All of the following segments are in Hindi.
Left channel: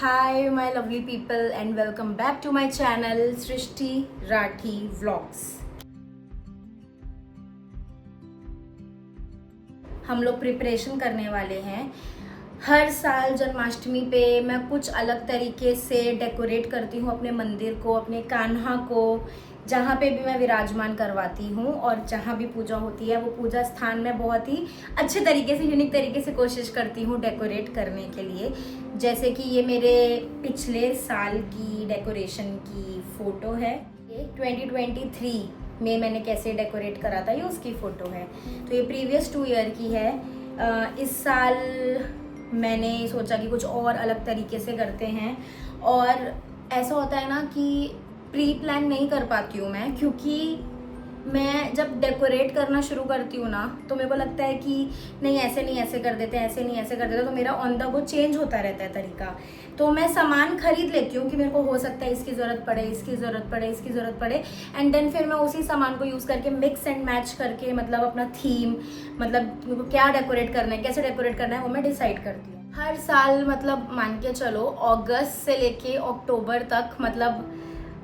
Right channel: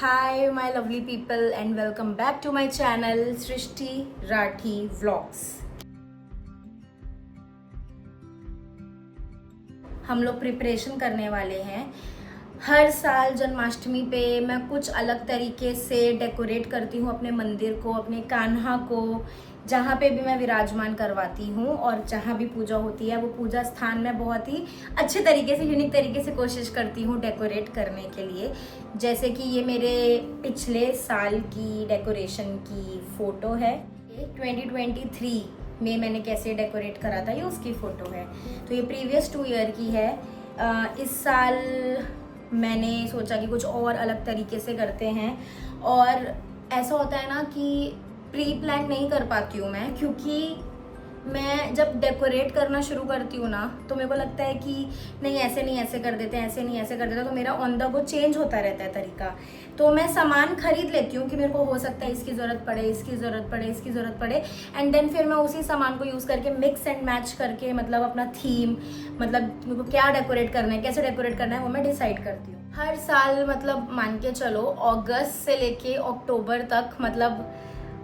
Hi my lovely people and welcome back to my channel Srishti Rathi vlogs. हम लोग प्रिपरेशन करने वाले हैं। हर साल जन्माष्टमी पे मैं कुछ अलग तरीके से डेकोरेट करती हूँ अपने मंदिर को, अपने कान्हा को, जहाँ पे भी मैं विराजमान करवाती हूँ और जहाँ भी पूजा होती है वो पूजा स्थान में बहुत ही अच्छे तरीके से, यूनिक तरीके से कोशिश करती हूँ डेकोरेट करने के लिए। जैसे कि ये मेरे पिछले साल की डेकोरेशन की फ़ोटो है। ये 2023 में मैंने कैसे डेकोरेट करा था ये उसकी फ़ोटो है। तो ये प्रीवियस 2 ईयर की है। इस साल मैंने सोचा कि कुछ और अलग तरीके से करते हैं। और ऐसा होता है ना कि प्री प्लान नहीं कर पाती हूँ मैं, क्योंकि मैं जब डेकोरेट करना शुरू करती हूँ ना तो मेरे को लगता है कि नहीं ऐसे नहीं ऐसे कर देते, ऐसे नहीं ऐसे कर देते, तो मेरा ऑन द गो चेंज होता रहता है तरीका। तो मैं सामान खरीद लेती हूँ कि मेरे को हो सकता है इसकी ज़रूरत पड़े, इसकी ज़रूरत पड़े, इसकी ज़रूरत पड़े, एंड देन फिर मैं उसी सामान को यूज़ करके मिक्स एंड मैच करके मतलब अपना थीम, मतलब मेरे को क्या डेकोरेट करना है, कैसे डेकोरेट करना है वो मैं डिसाइड करती हूँ। हर साल मतलब मान के चलो अगस्त से लेके अक्टूबर तक मतलब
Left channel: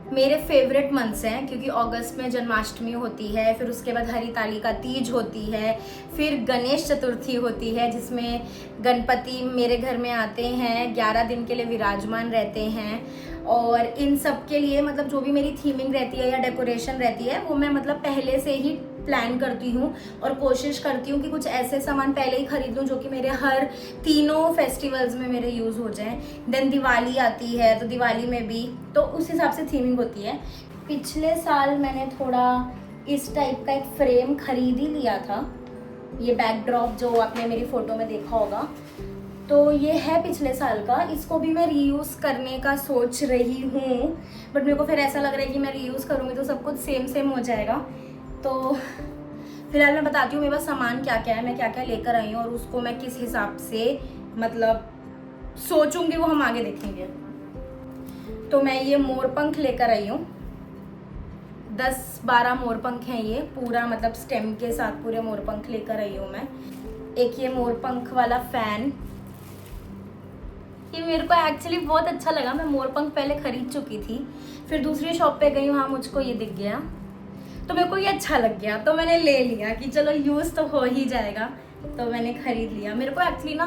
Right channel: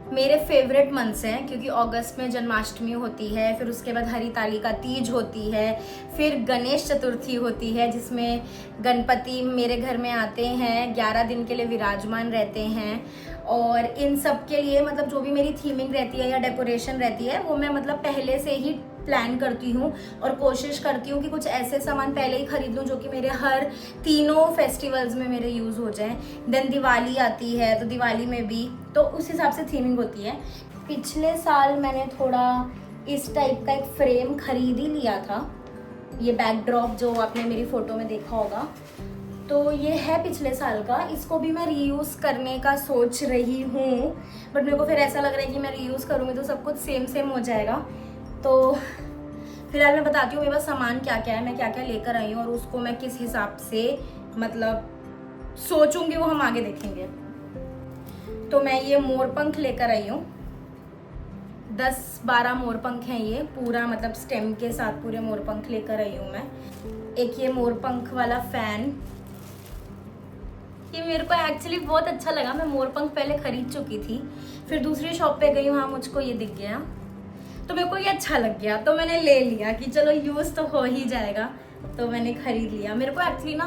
मेरे फेवरेट मंथ्स हैं, क्योंकि अगस्त में जन्माष्टमी होती है, फिर उसके बाद हरितालिका तीज होती है, फिर गणेश चतुर्थी होती है जिसमें गणपति मेरे घर में आते हैं, 11 दिन के लिए विराजमान रहते हैं। और इन सब के लिए मतलब जो भी मेरी थीमिंग रहती है या डेकोरेशन रहती है वो मैं मतलब पहले से ही प्लान करती हूँ और कोशिश करती हूँ कि कुछ ऐसे सामान पहले ही खरीद लूँ जो कि मेरे हर तीनों फेस्टिवल्स में मेरे यूज़ हो जाएं। देन दिवाली आती है तो दिवाली में भी तो उस हिसाब से थीमिंग होती है। पिछले साल मैंने थोड़ा इस टाइप का एक फ्रेम खरीद ही लिया था, ये बैकड्रॉप जो आपने मेरी फ़ोटो में देखा होगा, तो ये है पिछले साल का। इसको भी मैं रीयूज़ करने का सोच रही हूँ, बट मेरे को फिर ऐसा लग रहा है कि मैं रीयूज़ करूँगी तो सब कुछ सेम सेम हो जाएगा। तो फिलहाल मैं बताती हूँ मेरे पास सामान क्या क्या है, मैं क्या क्या लेकर आई हूँ और उसको मैं किस हिसाब से मतलब सोचूंगी वो हम आगे देखेंगे। तो मैं ये मोरपंख लेकर आई हूँ, 10-12 मोरपंख हैं ये, पूरा मतलब स्टेम के साथ पूरे मोरपंख लेकर आई हूँ मैं। एक ये मोरपंख वाला फैन, ये मेरे को एक्चुअली बहुत अच्छा लगा। मैं मोरपंख पहले खरीद चुकी थी, फिर दूसरी शॉप पे गई, वहाँ मुझको ये दिख गया तो मेरे को ये अच्छा लग गया, तो मैंने ले लिया कि चलो यूज़ तो हो ही जाएगा, तो मैंने खरीद लिया। मेरे को एक्चुअली ना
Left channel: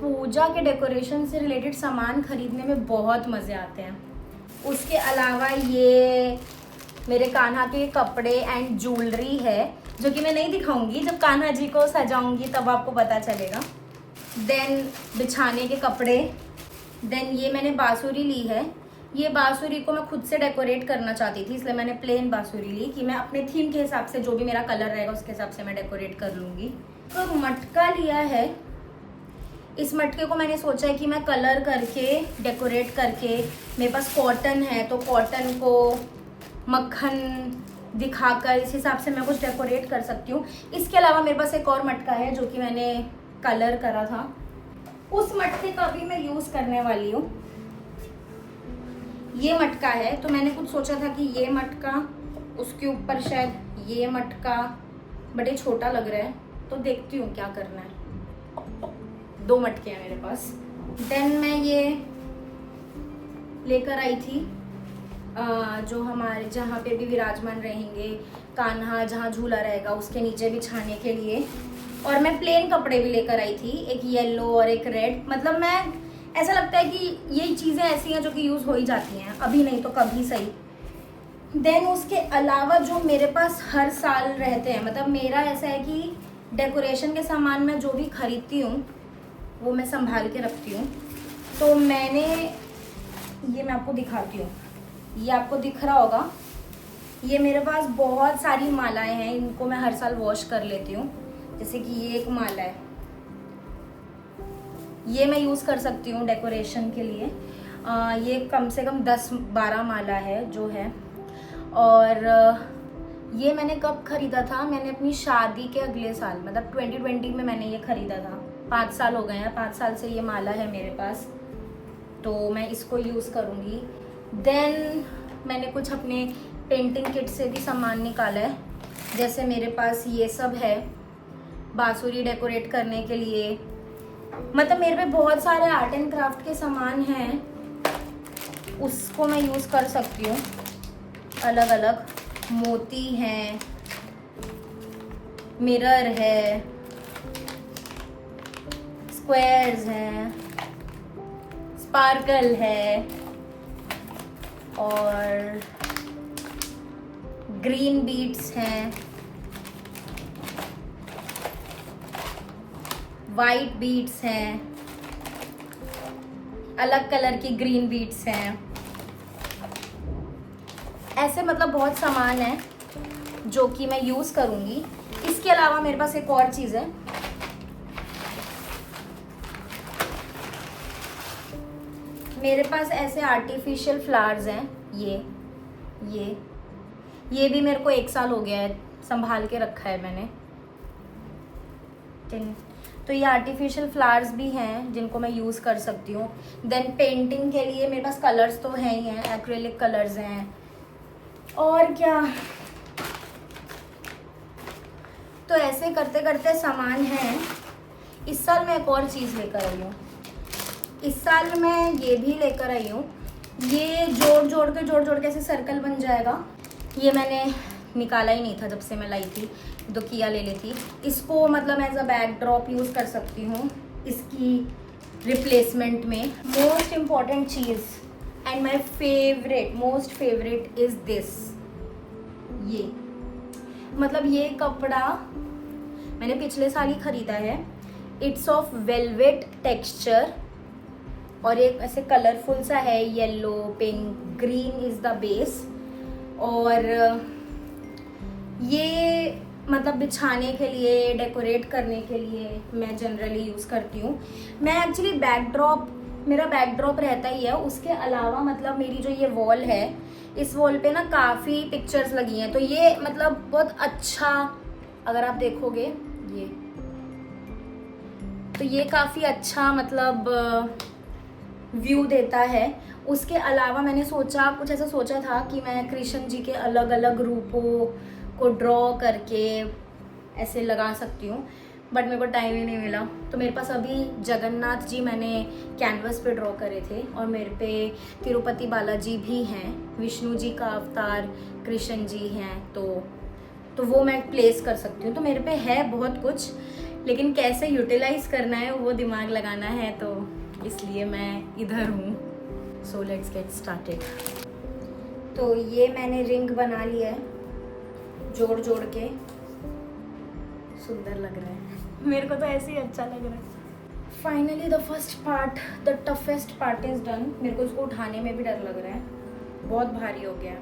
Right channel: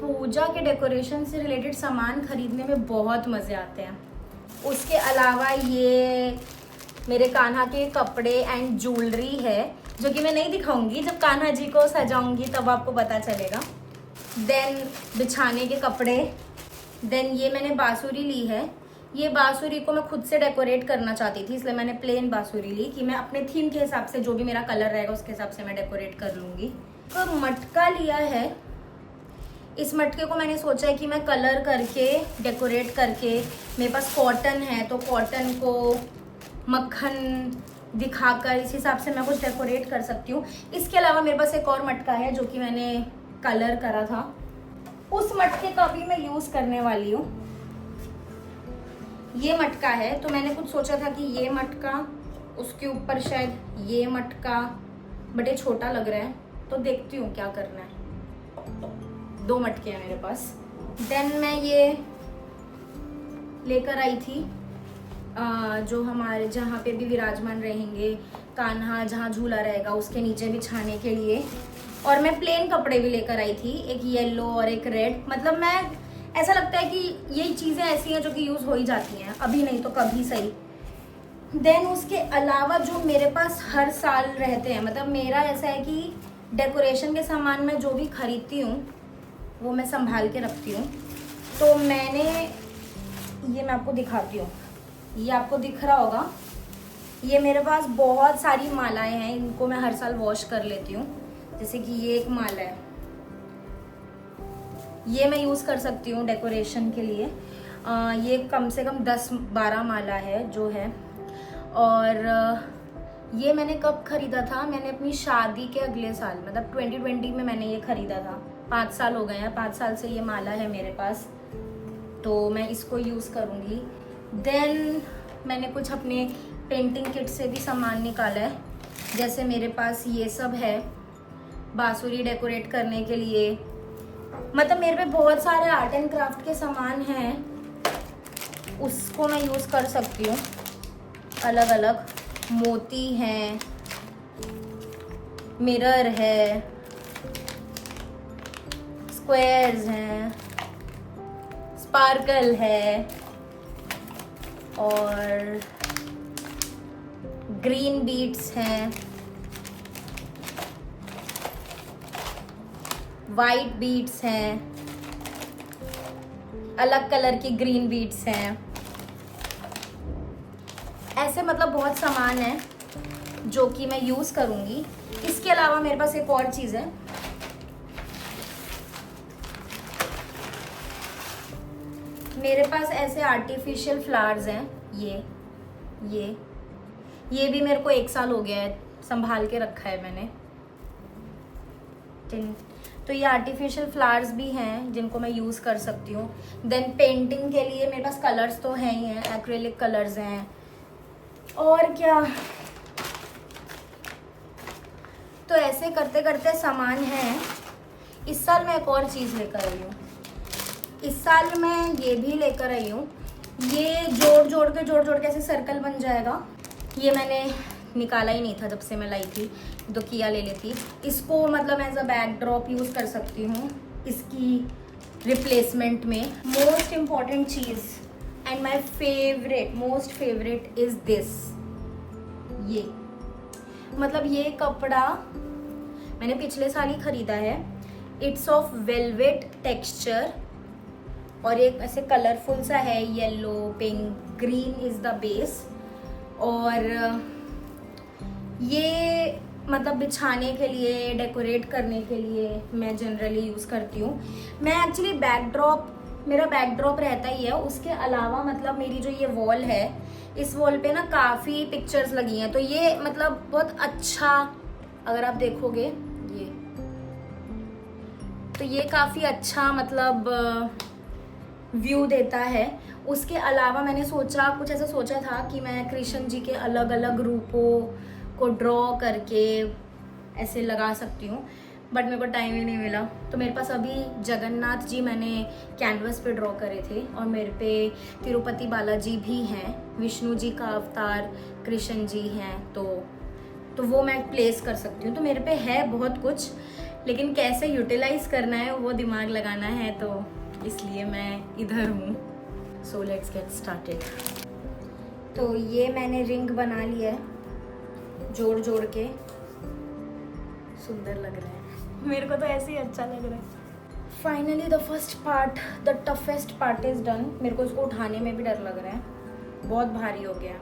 पूजा के डेकोरेशन से रिलेटेड सामान खरीदने में बहुत मज़े आते हैं। उसके अलावा ये मेरे कान्हा के कपड़े एंड ज्वेलरी है जो कि मैं नहीं दिखाऊंगी, जब कान्हा जी को सजाऊंगी तब आपको पता चलेगा। देन बिछाने के कपड़े, देन ये मैंने बांसुरी ली है। ये बांसुरी को मैं खुद से डेकोरेट करना चाहती थी, इसलिए मैंने प्लेन बांसुरी ली कि मैं अपने थीम के हिसाब से जो भी मेरा कलर रहेगा उसके हिसाब से मैं डेकोरेट कर लूँगी। तो मटका लिया है, इस मटके को मैंने सोचा है कि मैं कलर करके डेकोरेट करके, मेरे पास कॉटन है तो कॉटन को मक्खन दिखाकर इस हिसाब से मैं कुछ डेकोरेट कर सकती हूँ। इसके अलावा मेरे पास एक और मटका है जो कि मैंने कलर करा था, उस मटके का भी मैं यूज़ करने वाली हूँ। ये मटका है तो मैंने कुछ सोचा था कि ये मटका, उसके ऊपर शायद ये मटका, बट ये छोटा लग रहा है तो देखती हूँ क्या करना है। 2 मटके हैं मेरे पास। देन मैं ये लेकर आई थी जो हमारे जहाँ पे भी विराजमान रहेंगे कान्हा, जहाँ झूला रहेगा उसके नीचे बिछाने के लिए। और मैं प्लेन कपड़े भी लेकर आई थी, एक येलो और एक रेड। मतलब मैं ऐसा लगता है कि ये चीज़ें ऐसी हैं जो कि यूज़ हो ही जाती हैं, अभी नहीं तो कभी सही। देन उसके अलावा जो मेरे पास हर साल रहते हैं, मतलब मेरा ऐसा है कि डेकोरेशन के सामान मैं जो भी खरीदती हूँ वो मैं संभाल के रखती हूँ। तो मैंने ये मैं आपको दिखाती हूँ, ये आपको दिख रहा होगा, ये मेरे पास बहुत सारी मालाएं हैं, इनको मैं हर साल वॉश कर लेती हूँ। जैसे कि ये एक माला है, ये मैं यूज़ कर सकती हूँ डेकोरेशन के लिए। ये कम से कम 10-12 माला है जो है। और ये मैंने कब ख़रीदा था, मैंने अपनी शादी के अगले साल मतलब 2020 में मैंने ये ख़रीदा था। 5 साल हो गए हैं, 5 साल से ये माला है मेरे पास, तो मैं इसको यूज़ करूँगी। देन मैंने कुछ अपने पेंटिंग किट से भी सामान निकाला है, जैसे मेरे पास ये सब है बांसुरी डेकोरेट करने के लिए। मतलब मेरे पे बहुत सारे आर्ट एंड क्राफ्ट के सामान हैं उसको मैं यूज़ कर सकती हूँ। अलग अलग मोती हैं, मिरर है, स्क्वायर्स हैं, स्पार्कल है और ग्रीन बीड्स हैं, वाइट बीड्स हैं, अलग कलर की ग्रीन बीड्स हैं। ऐसे मतलब बहुत सामान है जो कि मैं यूज़ करूँगी। इसके अलावा मेरे पास एक और चीज़ है। मेरे पास ऐसे आर्टिफिशियल फ्लावर्स हैं। ये भी मेरे को 1 साल हो गया है, संभाल के रखा है मैंने। तो ये आर्टिफिशियल फ्लावर्स भी हैं जिनको मैं यूज़ कर सकती हूँ। देन पेंटिंग के लिए मेरे पास कलर्स तो हैं ही हैं, एक्रेलिक कलर्स हैं। और क्या, तो ऐसे करते करते सामान है। इस साल मैं एक और चीज़ लेकर आई हूँ। इस साल मैं ये भी लेकर आई हूँ। ये जोड़ जोड़ के ऐसे सर्कल बन जाएगा। ये मैंने निकाला ही नहीं था जब से मैं लाई थी, तो किया ले ली थी। इसको मतलब as a backdrop use कर सकती हूँ इसकी रिप्लेसमेंट में। मोस्ट इम्पॉर्टेंट चीज़ and my favourite, most favourite is this. ये मतलब ये कपड़ा मैंने पिछले साल ही ख़रीदा है। इट्स ऑफ वेलवेट टेक्सचर और एक ऐसे कलरफुल सा है, yellow, pink, green is the base. और ये मतलब बिछाने के लिए, डेकोरेट करने के लिए मैं जनरली यूज़ करती हूँ। मैं एक्चुअली बैकड्रॉप, मेरा बैकड्रॉप रहता ही है। उसके अलावा मतलब मेरी जो ये वॉल है, इस वॉल पे ना काफ़ी पिक्चर्स लगी हैं। तो ये मतलब बहुत अच्छा, अगर आप देखोगे तो ये काफ़ी अच्छा मतलब व्यू देता है। उसके अलावा मैंने सोचा, कुछ ऐसा सोचा था कि मैं कृष्ण जी के अलग अलग रूपों को ड्रॉ करके ऐसे लगा सकती हूँ, बट मेरे को टाइम ही नहीं मिला। तो मेरे पास अभी जगन्नाथ जी मैंने कैनवस पे ड्रॉ करे थे और मेरे पे तिरुपति बालाजी भी हैं, विष्णु जी का अवतार कृष्ण जी हैं। तो वो मैं प्लेस कर सकती हूँ। तो मेरे पे है बहुत कुछ, लेकिन कैसे यूटिलाइज करना है वो दिमाग लगाना है, तो इसलिए मैं इधर हूँ। So let's get started. तो ये मैंने रिंग बना लिया है, जोड़ जोड़ के। सुंदर लग रहा है, मेरे को तो ऐसे ही अच्छा लग रहा है। Finally the first part, the toughest part is done. मेरे को इसको उठाने में भी डर लग रहा है, बहुत भारी हो गया।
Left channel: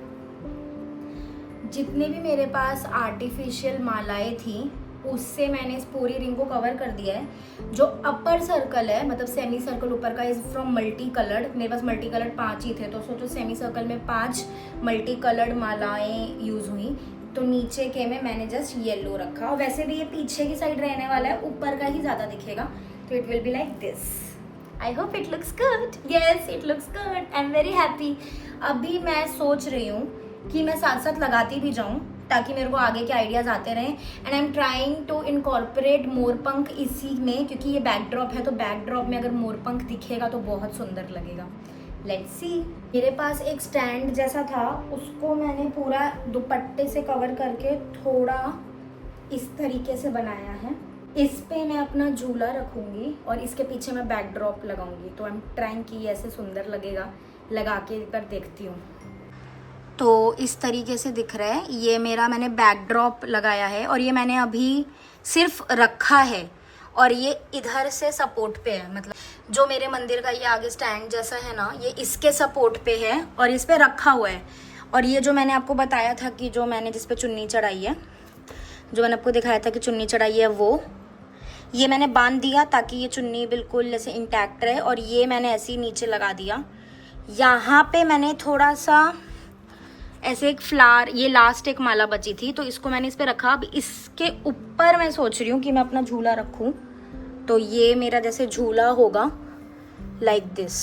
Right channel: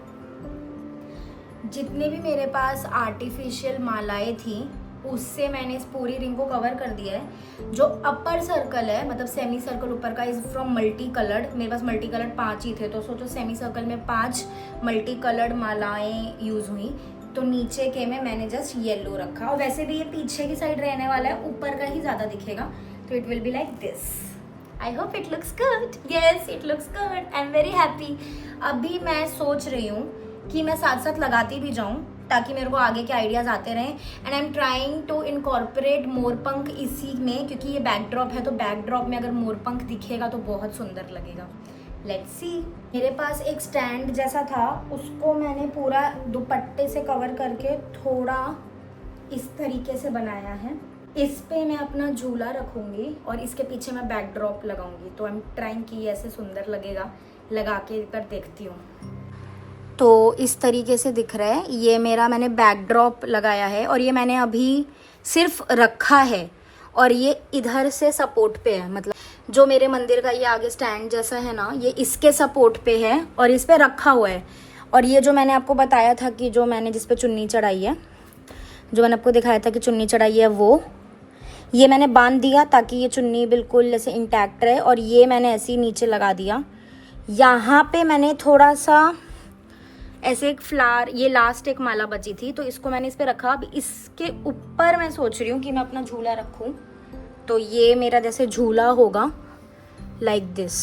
जितने भी मेरे पास आर्टिफिशियल मालाएं थी उससे मैंने इस पूरी रिंग को कवर कर दिया है। जो अपर सर्कल है, मतलब सेमी सर्कल ऊपर का, इज़ फ्रॉम मल्टी कलर्ड। मेरे पास मल्टी कलर्ड 5 ही थे, तो सोचो सेमी सर्कल में 5 मल्टी कलर्ड मालाएं यूज़ हुई। तो नीचे के में मैंने जस्ट येलो रखा। और वैसे भी ये पीछे की साइड रहने वाला है, ऊपर का ही ज़्यादा दिखेगा। तो it will be like this. I hope it looks good. Yes, it looks good. I am very happy. अभी मैं सोच रही हूँ कि मैं साथ साथ लगाती भी जाऊँ ताकि मेरे को आगे के आइडियाज़ आते रहें। And I am trying to incorporate मोरपंख इसी में, क्योंकि ये बैकड्रॉप है। तो बैकड्रॉप में अगर मोरपंख दिखेगा तो बहुत सुंदर लगेगा। Let's see. मेरे पास एक स्टैंड जैसा था, उसको मैंने पूरा दुपट्टे से कवर करके थोड़ा इस तरीके से बनाया है। इस पे मैं अपना झूला रखूँगी और इसके पीछे मैं बैकड्रॉप लगाऊंगी। तो आई एम ट्राइंग कि ऐसे सुंदर लगेगा, लगा के कर देखती हूँ। तो इस तरीके से दिख रहा है। ये मेरा मैंने बैकड्रॉप लगाया है और ये मैंने अभी सिर्फ रखा है और ये इधर से सपोर्ट पे है। मतलब जो मेरे मंदिर का ये आगे स्टैंड जैसा है ना, ये इसके सपोर्ट पे है और इस पे रखा हुआ है। और ये जो मैंने आपको बताया था कि जो मैंने जिस पे चुन्नी चढ़ाई है, जो मैंने आपको दिखाया था कि चुन्नी चढ़ाई है, वो ये मैंने बांध दिया ताकि ये चुन्नी बिल्कुल जैसे इंटैक्ट रहे। और ये मैंने ऐसे ही नीचे लगा दिया। यहाँ पे मैंने थोड़ा सा ऐसे एक फ्लावर, ये लास्ट एक माला बची थी तो इसको मैंने इस पे रखा। अब इसके ऊपर मैं सोच रही हूँ कि मैं अपना झूला रखूँ। तो ये मेरा जैसे झूला होगा लाइक दिस।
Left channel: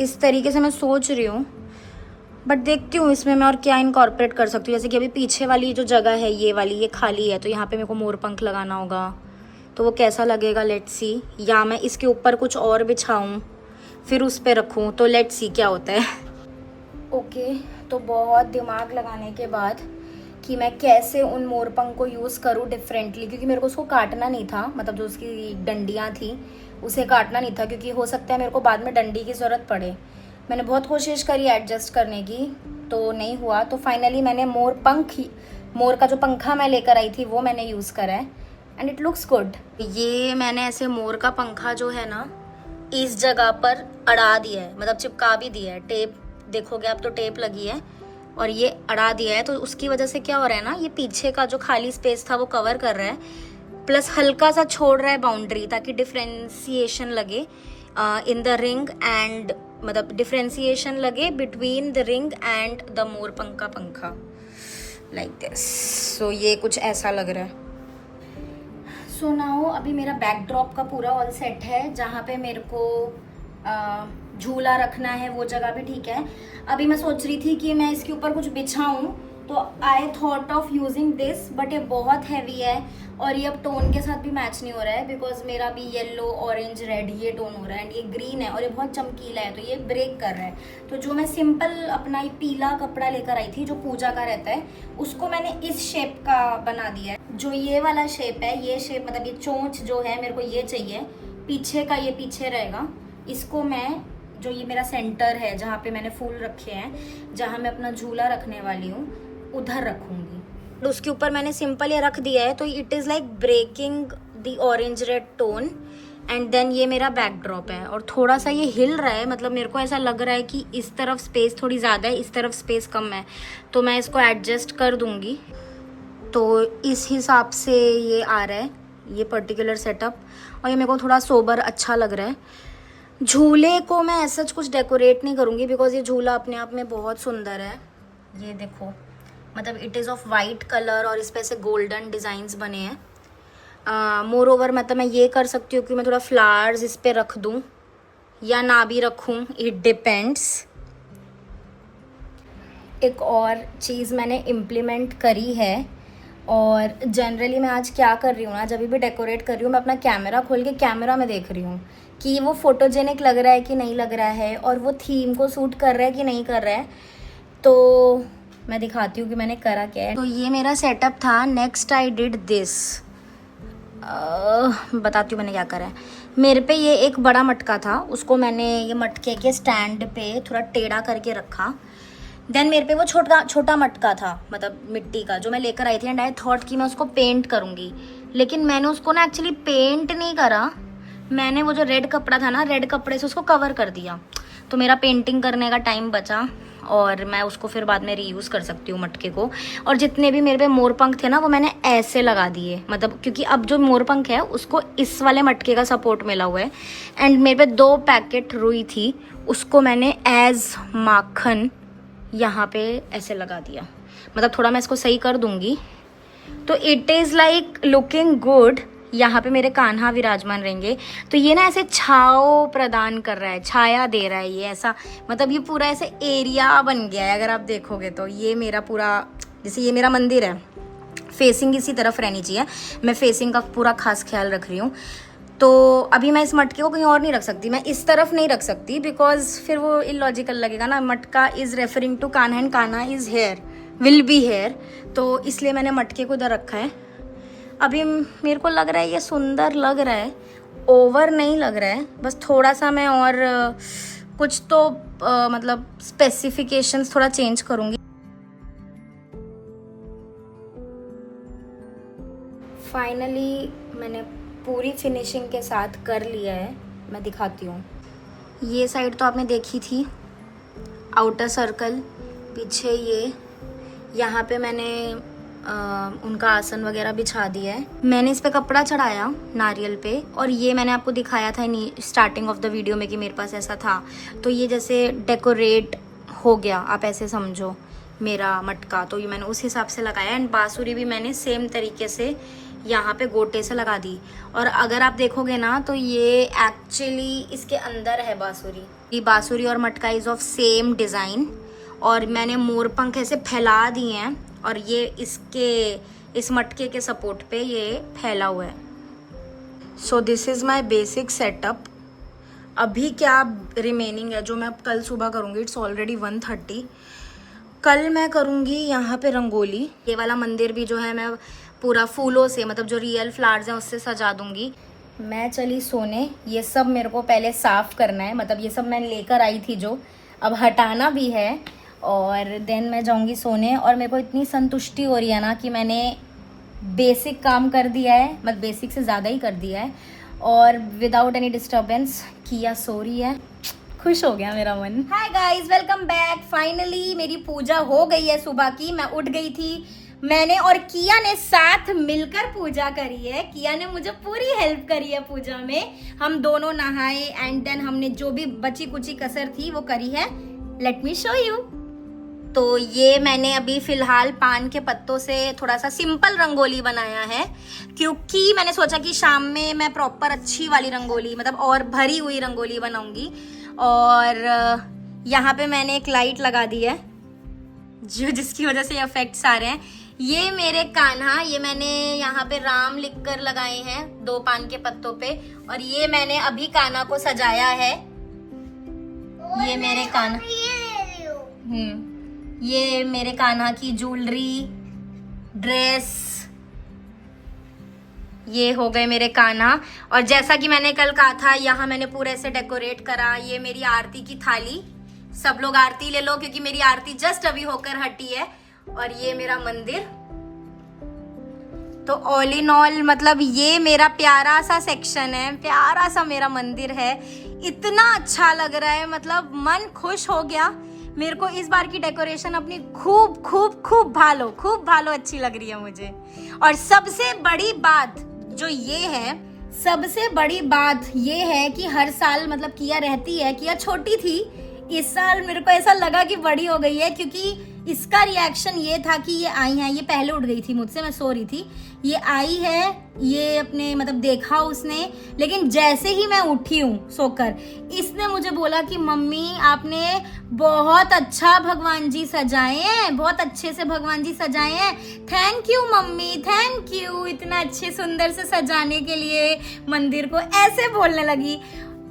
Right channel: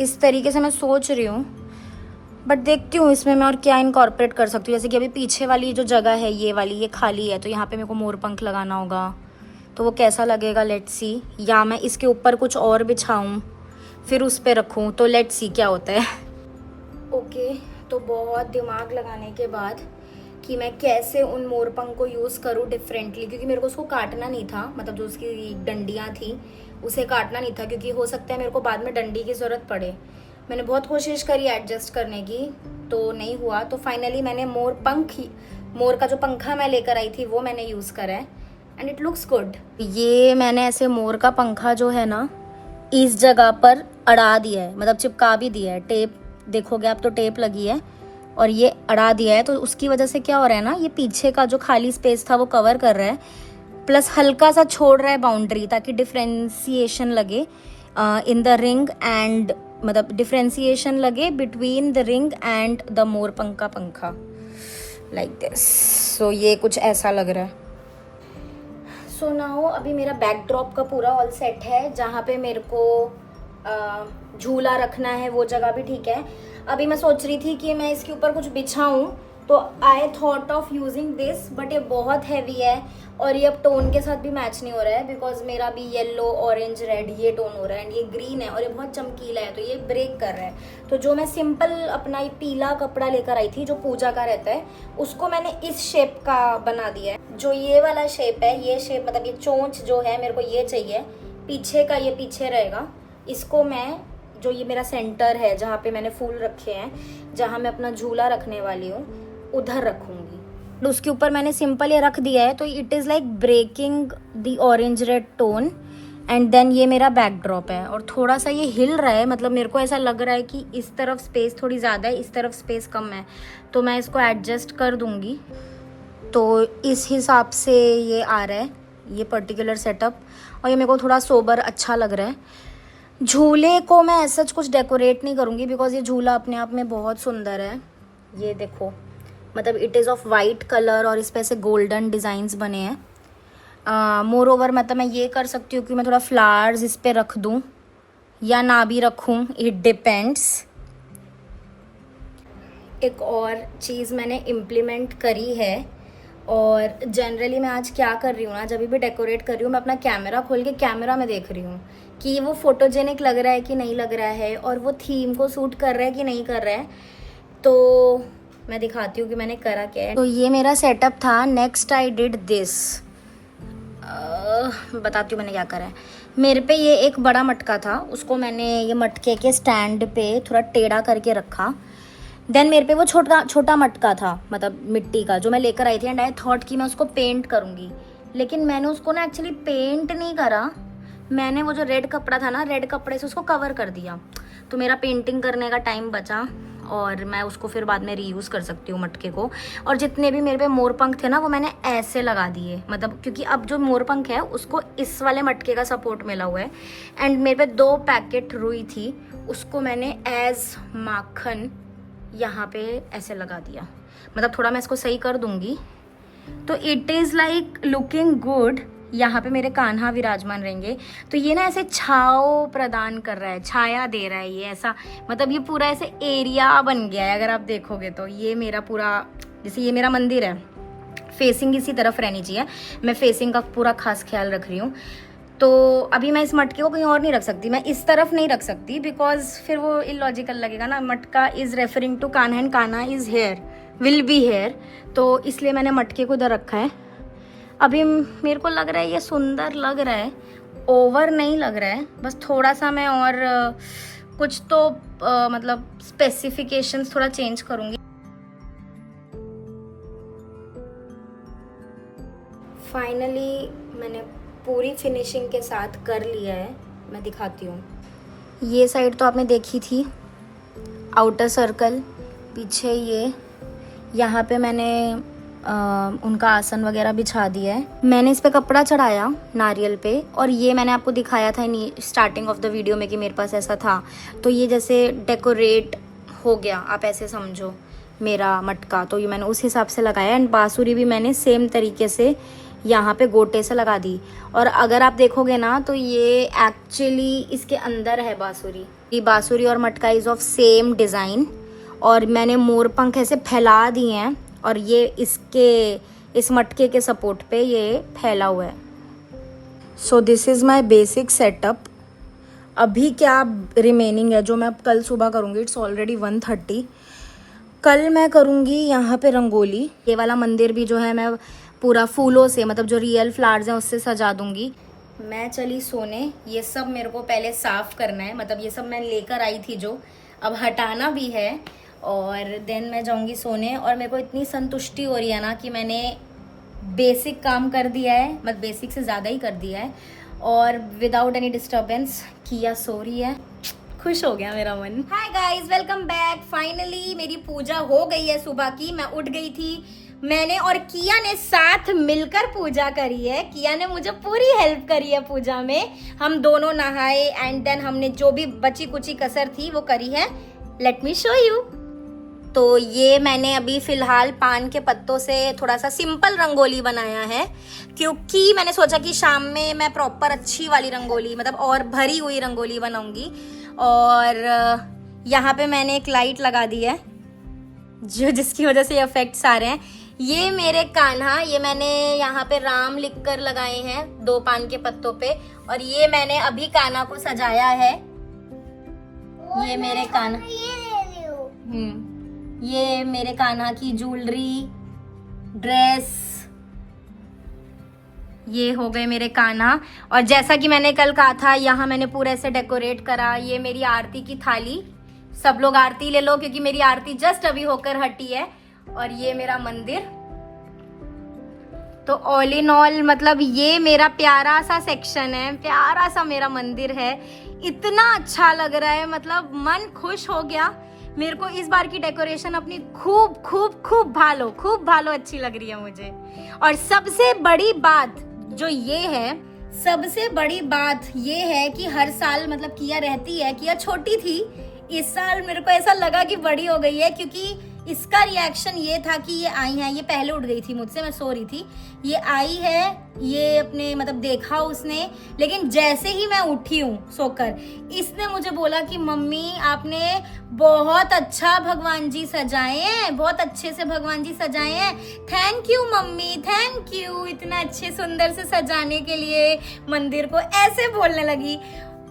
इस तरीके से मैं सोच रही हूँ, बट देखती हूँ इसमें मैं और क्या इनकॉर्पोरेट कर सकती हूँ। जैसे कि अभी पीछे वाली जो जगह है ये वाली, ये खाली है, तो यहाँ पे मेरे को मोरपंख लगाना होगा। तो वो कैसा लगेगा, लेट्स सी। या मैं इसके ऊपर कुछ और बिछाऊँ, फिर उस पर रखूँ, तो लेट्स सी क्या होता है। ओके, तो बहुत दिमाग लगाने के बाद कि मैं कैसे उन मोरपंख को यूज़ करूँ डिफरेंटली, क्योंकि मेरे को उसको काटना नहीं था, मतलब जो उसकी डंडियाँ थी उसे काटना नहीं था, क्योंकि हो सकता है मेरे को बाद में डंडी की ज़रूरत पड़े। मैंने बहुत कोशिश करी एडजस्ट करने की, तो नहीं हुआ। तो फाइनली मैंने मोर का जो पंखा मैं लेकर आई थी वो मैंने यूज़ करा है एंड इट लुक्स गुड। ये मैंने ऐसे मोर का पंखा जो है ना इस जगह पर अड़ा दिया है, मतलब चिपका भी दिया है। टेप देखोगे आप तो टेप लगी है और ये अड़ा दिया है, तो उसकी वजह से क्या हो रहा है ना, ये पीछे का जो खाली स्पेस था वो कवर कर रहा है, प्लस हल्का सा छोड़ रहा है बाउंड्री, ताकि डिफ्रेंसिएशन लगे इन द रिंग एंड, मतलब डिफ्रेंसिएशन लगे between the ring and the मोरपंख का पंखा, लाइक दिस। सो ये कुछ ऐसा लग रहा है। सो नाउ अभी मेरा बैकड्रॉप का पूरा ऑल सेट है। जहाँ पे मेरे को झूला रखना है वो जगह भी ठीक है। अभी मैं सोच रही थी कि मैं इसके ऊपर कुछ बिछाऊं, तो I thought of using this, but ये बहुत हैवी है और ये अब टोन के साथ भी मैच नहीं हो रहा है, बिकॉज मेरा भी येलो ऑरेंज रेड ये टोन हो रहा है एंड ये ग्रीन है और ये बहुत चमकीला है, तो ये ब्रेक कर रहा है। तो जो मैं सिंपल अपना ये पीला कपड़ा लेकर आई थी जो पूजा का रहता है, उसको मैंने इस शेप का बना दिया है। जो ये वाला शेप है, ये शेप मतलब ये चोंच जो है मेरे को ये चाहिए, पीछे का ये पीछे रहेगा। इसको मैं, जो ये मेरा सेंटर है जहाँ पे मैंने फूल रखे हैं, जहाँ मैं अपना झूला रखने वाली हूँ, उधर रखूंगी। उसके ऊपर मैंने सिंपल ये रख दिया है, तो it is like breaking the orange red tone. And then ये मेरा बैकड्रॉप है और थोड़ा सा ये हिल रहा है, मतलब मेरे को ऐसा लग रहा है कि इस तरफ स्पेस थोड़ी ज़्यादा है, इस तरफ स्पेस कम है, तो मैं इसको एडजस्ट कर दूंगी। तो इस हिसाब से ये आ रहा है ये पर्टिकुलर सेटअप, और ये मेरे को थोड़ा सोबर अच्छा लग रहा है। झूले को मैं ऐसा कुछ डेकोरेट नहीं करूँगी, बिकॉज ये झूला अपने आप में बहुत सुंदर है। ये देखो, मतलब it is of white colour और इस पे से गोल्डन डिज़ाइंस बने हैं। मोर ओवर मतलब मैं ये कर सकती हूँ कि मैं थोड़ा फ्लावर्स इस पे रख दूँ या ना भी रखूँ, इट डिपेंड्स। एक और चीज़ मैंने इम्प्लीमेंट करी है, और जनरली मैं आज क्या कर रही हूँ ना, जब भी डेकोरेट कर रही हूँ मैं अपना कैमरा खोल के कैमरा में देख रही हूँ कि वो फोटोजेनिक लग रहा है कि नहीं लग रहा है, और वो थीम को सूट कर रहा है कि नहीं कर रहा है। तो मैं दिखाती हूँ कि मैंने करा क्या है। तो ये मेरा सेटअप था। नेक्स्ट आई डिड दिस, बताती हूँ मैंने क्या करा है। मेरे पे ये एक बड़ा मटका था, उसको मैंने ये मटके के स्टैंड पे थोड़ा टेढ़ा करके रखा। देन मेरे पे वो छोटा मटका था, मतलब मिट्टी का, जो मैं लेकर आई थी, एंड आई थॉट कि मैं उसको पेंट करूँगी, लेकिन मैंने उसको ना एक्चुअली पेंट नहीं करा। मैंने वो जो रेड कपड़ा था ना, रेड कपड़े से उसको कवर कर दिया, तो मेरा पेंटिंग करने का टाइम बचा और मैं उसको फिर बाद में रीयूज़ कर सकती हूँ मटके को। और जितने भी मेरे पे मोरपंख थे ना वो मैंने ऐसे लगा दिए, मतलब क्योंकि अब जो मोरपंख है उसको इस वाले मटके का सपोर्ट मिला हुआ है। एंड मेरे पे 2 पैकेट रुई थी, उसको मैंने एज माखन यहाँ पे ऐसे लगा दिया, मतलब थोड़ा मैं इसको सही कर दूँगी। तो it is like looking good. यहाँ पे मेरे कान्हा विराजमान रहेंगे, तो ये ना ऐसे छाव प्रदान कर रहा है, छाया दे रहा है ये ऐसा, मतलब ये पूरा ऐसे एरिया बन गया है। अगर आप देखोगे तो ये मेरा पूरा, जैसे ये मेरा मंदिर है, फेसिंग इसी तरफ रहनी चाहिए, मैं फेसिंग का पूरा खास ख्याल रख रही हूँ। तो अभी मैं इस मटके को कहीं और नहीं रख सकती, मैं इस तरफ नहीं रख सकती, बिकॉज फिर वो इलॉजिकल लगेगा ना। Matka is referring to Kanha and Kanha is here, will be here, तो इसलिए मैंने मटके को इधर रखा है। अभी मेरे को लग रहा है ये सुंदर लग रहा है, ओवर नहीं लग रहा है, बस थोड़ा सा मैं और कुछ तो मतलब स्पेसिफिकेशंस थोड़ा चेंज करूँगी। फाइनली मैंने पूरी फिनिशिंग के साथ कर लिया है, मैं दिखाती हूँ। ये साइड तो आपने देखी थी, आउटर सर्कल, पीछे ये, यहाँ पे मैंने उनका आसन वगैरह बिछा दिया है। मैंने इस पे कपड़ा चढ़ाया नारियल पे, और ये मैंने आपको दिखाया था स्टार्टिंग ऑफ द वीडियो में कि मेरे पास ऐसा था, तो ये जैसे डेकोरेट हो गया, आप ऐसे समझो मेरा मटका। तो ये मैंने उस हिसाब से लगाया। एंड बांसुरी भी मैंने सेम तरीके से यहाँ पे गोटे से लगा दी, और अगर आप देखोगे ना तो ये एक्चुअली इसके अंदर है बांसुरी। ये बांसुरी और मटका इज ऑफ सेम डिज़ाइन, और मैंने मोरपंख ऐसे फैला दिए हैं, और ये इस मटके के सपोर्ट पे ये फैला हुआ है। So this is my basic setup. अभी क्या रिमेनिंग है जो मैं कल सुबह करूँगी। It's already 1:30। कल मैं करूँगी यहाँ पे रंगोली। ये वाला मंदिर भी जो है मैं पूरा फूलों से, मतलब जो रियल फ्लावर्स हैं उससे सजा दूँगी। मैं चली सोने। ये सब मेरे को पहले साफ़ करना है, मतलब ये सब मैं लेकर आई थी जो अब हटाना भी है, और देन मैं जाऊँगी सोने। और मेरे को इतनी संतुष्टि हो रही है ना कि मैंने बेसिक काम कर दिया है, मतलब बेसिक से ज़्यादा ही कर दिया है, और विदाउट एनी डिस्टर्बेंस किया सो रही है। खुश हो गया मेरा मन। Hi guys, welcome back. Finally मेरी पूजा हो गई है सुबह की। मैं उठ गई थी, मैंने और किया ने साथ मिलकर पूजा करी है। किया ने मुझे पूरी हेल्प करी है पूजा में। हम दोनों नहाए एंड देन हमने जो भी बची कुची कसर थी वो करी है। Let me show you. तो ये मैंने अभी फिलहाल पान के पत्तों से थोड़ा सा सिंपल रंगोली बनाया है, क्योंकि मैंने सोचा कि शाम में मैं प्रॉपर अच्छी वाली रंगोली, मतलब और भरी हुई रंगोली बनाऊंगी। और यहाँ पे मैंने एक लाइट लगा दी है जिसकी वजह से इफेक्ट्स आ रहे हैं। ये मेरे कान्हा, ये मैंने यहाँ पे राम लिखकर लगाए हैं 2 पान के पत्तों पे, और ये मैंने अभी कान्हा को सजाया है। ये मेरे कान्हा, ये मेरे कान्हा की ज्वेलरी, ड्रेस, ये हो गए मेरे कान्हा। और जैसा कि मैंने कल कहा था, यहाँ मैंने पूरे से डेकोरेट करा। ये मेरी आरती की थाली, सब लोग आरती ले लो क्योंकि मेरी आरती जस्ट अभी होकर हटी है। और ये मेरा मंदिर। तो ऑल इन ऑल मतलब ये मेरा प्यारा सा सेक्शन है, प्यारा सा मेरा मंदिर है। इतना अच्छा लग रहा है, मतलब मन खुश हो गया। मेरे को इस बार की डेकोरेशन अपनी खूब खूब खूब भालो अच्छी लग रही है मुझे। और सबसे बड़ी बात जो ये है, सबसे बड़ी बात ये है कि हर साल मतलब किया रहती है, किया छोटी थी, इस साल मेरे को ऐसा लगा कि बड़ी हो गई है, क्योंकि इसका रिएक्शन ये था कि ये आई है, ये पहले उठ गई थी मुझसे, मैं सो रही थी, ये आई है, ये अपने मतलब देखा उसने, लेकिन जैसे ही मैं उठी हूँ सोकर, इसने मुझे बोला कि मम्मी आपने बहुत अच्छा भगवान जी सजाए हैं, बहुत अच्छे से भगवान जी सजाए हैं, thank you mummy, thank you इतना अच्छे सुंदर से सजाने के लिए मंदिर को, ऐसे बोलने लगी।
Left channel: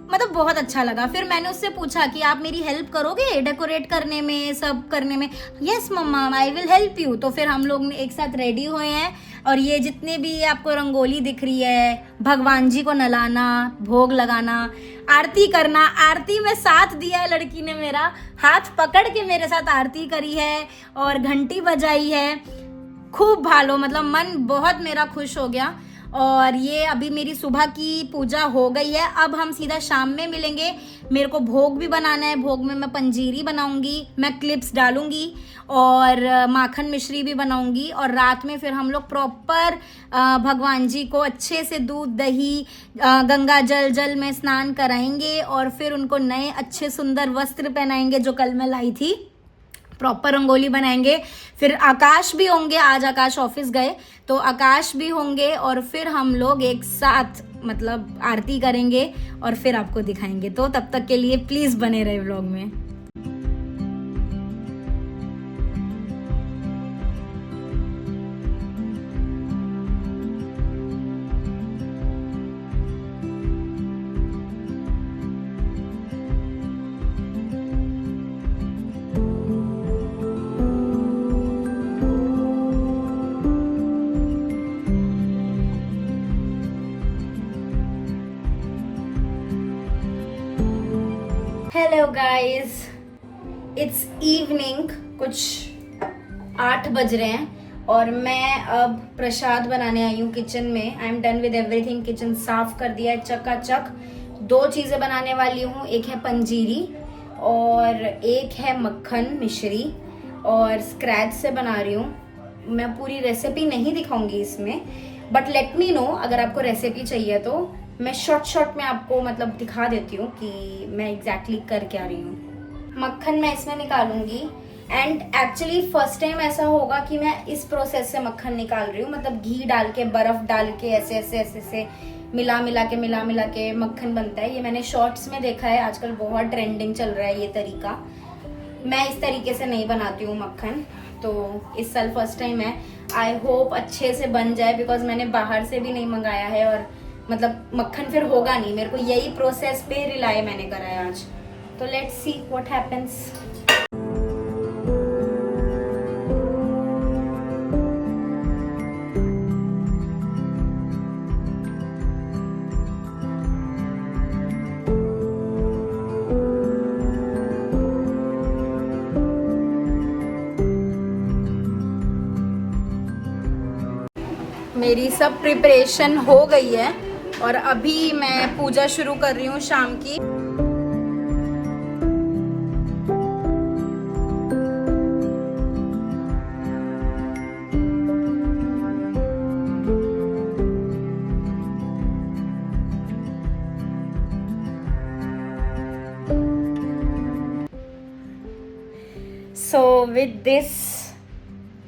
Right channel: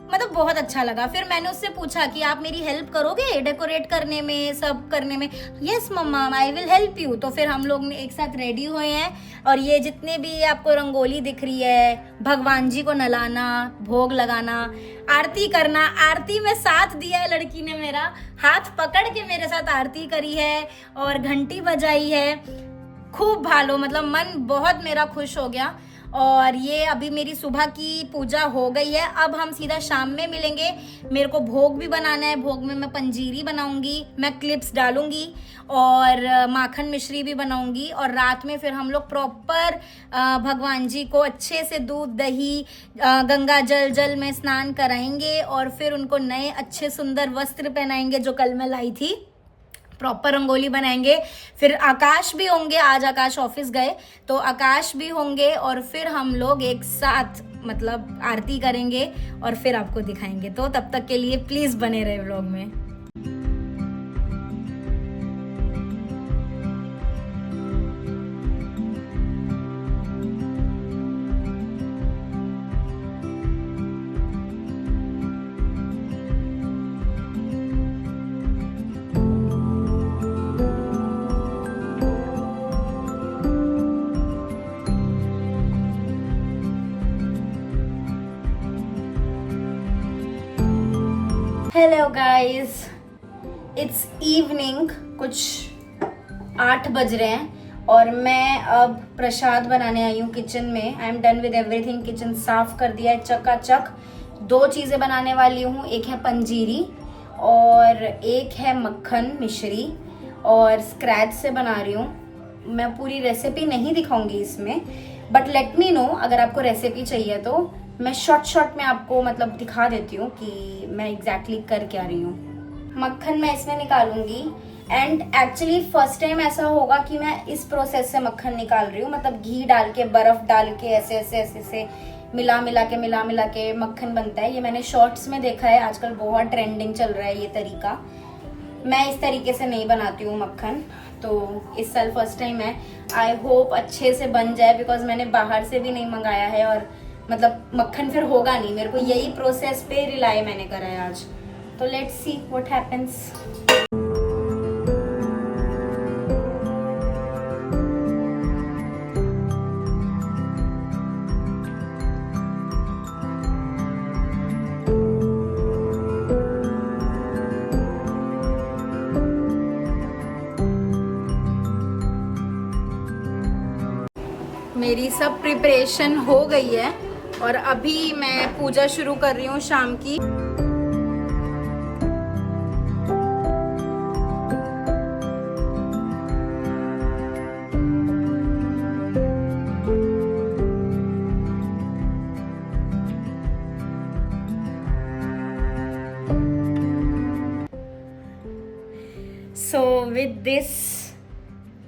मतलब बहुत अच्छा लगा। फिर मैंने उससे पूछा कि आप मेरी हेल्प करोगे डेकोरेट करने में, सब करने में। Yes mama, I will help you. तो फिर हम लोग एक साथ रेडी हुए हैं, और ये जितने भी आपको रंगोली दिख रही है, भगवान जी को नहलाना, भोग लगाना, आरती करना, आरती में साथ दिया है लड़की ने, मेरा हाथ पकड़ के मेरे साथ आरती करी है और घंटी बजाई है। खूब भालो, मतलब मन बहुत मेरा खुश हो गया। और ये अभी मेरी सुबह की पूजा हो गई है, अब हम सीधा शाम में मिलेंगे। मेरे को भोग भी बनाना है, भोग में मैं पंजीरी बनाऊंगी, मैं क्लिप्स डालूंगी और माखन मिश्री भी बनाऊंगी। और रात में फिर हम लोग प्रॉपर भगवान जी को अच्छे से दूध दही गंगा जल में स्नान कराएंगे, और फिर उनको नए अच्छे सुंदर वस्त्र पहनाएंगे जो कल मैं लाई थी, प्रॉपर रंगोली बनाएंगे। फिर आकाश भी होंगे, आज आकाश ऑफिस गए तो आकाश भी होंगे, और फिर हम लोग एक साथ मतलब आरती करेंगे और फिर आपको दिखाएंगे। तो तब तक के लिए प्लीज बने रहे व्लॉग में। हेलो गाइस, इट्स इवनिंग, कुछ 8 बज रहे हैं और मैं अब प्रसाद बनाने आई हूँ किचन में। I am done with everything, kitchen साफ कर दिया है चकाचक। 2 चीज़ें बनाने वाली हूँ, एक है पंजीरी और एक है मक्खन मिश्री, और स्क्रैच से बना रही हूँ। मैं पूरी रेसिपी नहीं दिखाऊंगी इसमें, बट लेट मी नो अगर आपको रेसिपी चाहिए तो मैं शॉर्ट में आपको मतलब दिखा देती हूँ कि मैं एग्जैक्टली कर क्या रही हूँ। मक्खन मैं इसमें निकालूंगी, एंड एक्चुअली फर्स्ट टाइम ऐसा होगा कि मैं इस प्रोसेस से मक्खन निकाल रही हूँ, मतलब घी डाल के, बर्फ डाल के, ऐसे ऐसे ऐसे ऐसे मिला मिला के मक्खन बनता है। ये मैंने शॉर्ट्स में देखा है, आजकल बहुत ट्रेंडिंग चल रहा है ये तरीका। मैं इस तरीके से नहीं बनाती हूँ मक्खन, तो इस साल फर्स्ट टाइम है। आई होप अच्छे से बन जाए, बिकॉज मैंने बाहर से भी नहीं मंगाया है और मतलब मक्खन फिर होगा नहीं। मेरे को यही प्रोसेस पे रिलाई मैंने करा है आज। तो लेट्स सी व्हाट हैपेंस। मेरी सब प्रिपरेशन हो गई है और अभी मैं पूजा शुरू कर रही हूँ शाम की। सो विद दिस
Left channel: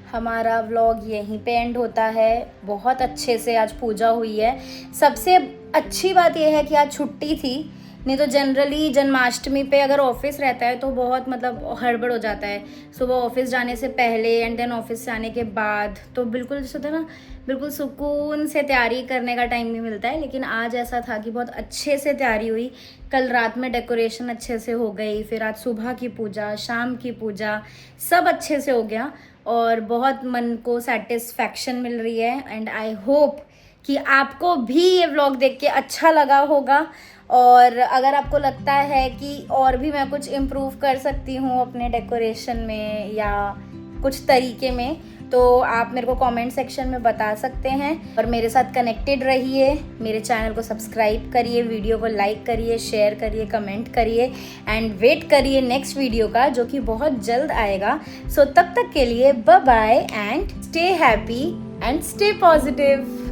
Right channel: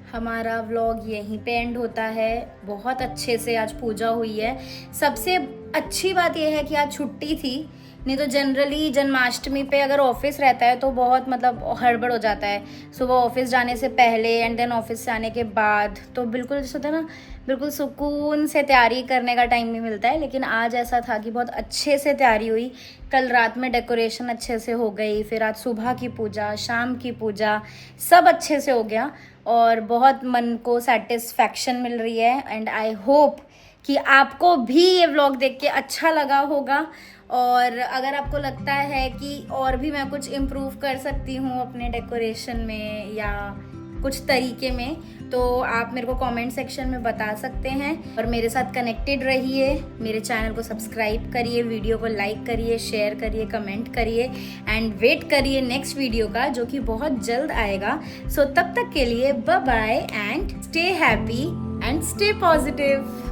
हमारा व्लॉग यहीं पे एंड होता है। बहुत अच्छे से आज पूजा हुई है। सबसे अच्छी बात यह है कि आज छुट्टी थी, नहीं तो जनरली जन्माष्टमी पे अगर ऑफिस रहता है तो बहुत मतलब हड़बड़ हो जाता है। सुबह ऑफिस जाने से पहले एंड देन ऑफिस से आने के बाद तो बिल्कुल जैसे होता है ना, बिल्कुल सुकून से तैयारी करने का टाइम नहीं मिलता है। लेकिन आज ऐसा था कि बहुत अच्छे से तैयारी हुई। कल रात में डेकोरेशन अच्छे से हो गई, फिर आज सुबह की पूजा, शाम की पूजा, सब अच्छे से हो गया और बहुत मन को सेटिस्फैक्शन मिल रही है। एंड आई होप कि आपको भी ये व्लॉग देख के अच्छा लगा होगा। और अगर आपको लगता है कि और भी मैं कुछ इम्प्रूव कर सकती हूँ अपने डेकोरेशन में या कुछ तरीके में, तो आप मेरे को कमेंट सेक्शन में बता सकते हैं। और मेरे साथ कनेक्टेड रहिए, मेरे चैनल को सब्सक्राइब करिए, वीडियो को लाइक करिए, शेयर करिए, कमेंट करिए एंड वेट करिए नेक्स्ट वीडियो का, जो कि बहुत जल्द आएगा। सो तब तक के लिए bye bye and stay happy and stay positive.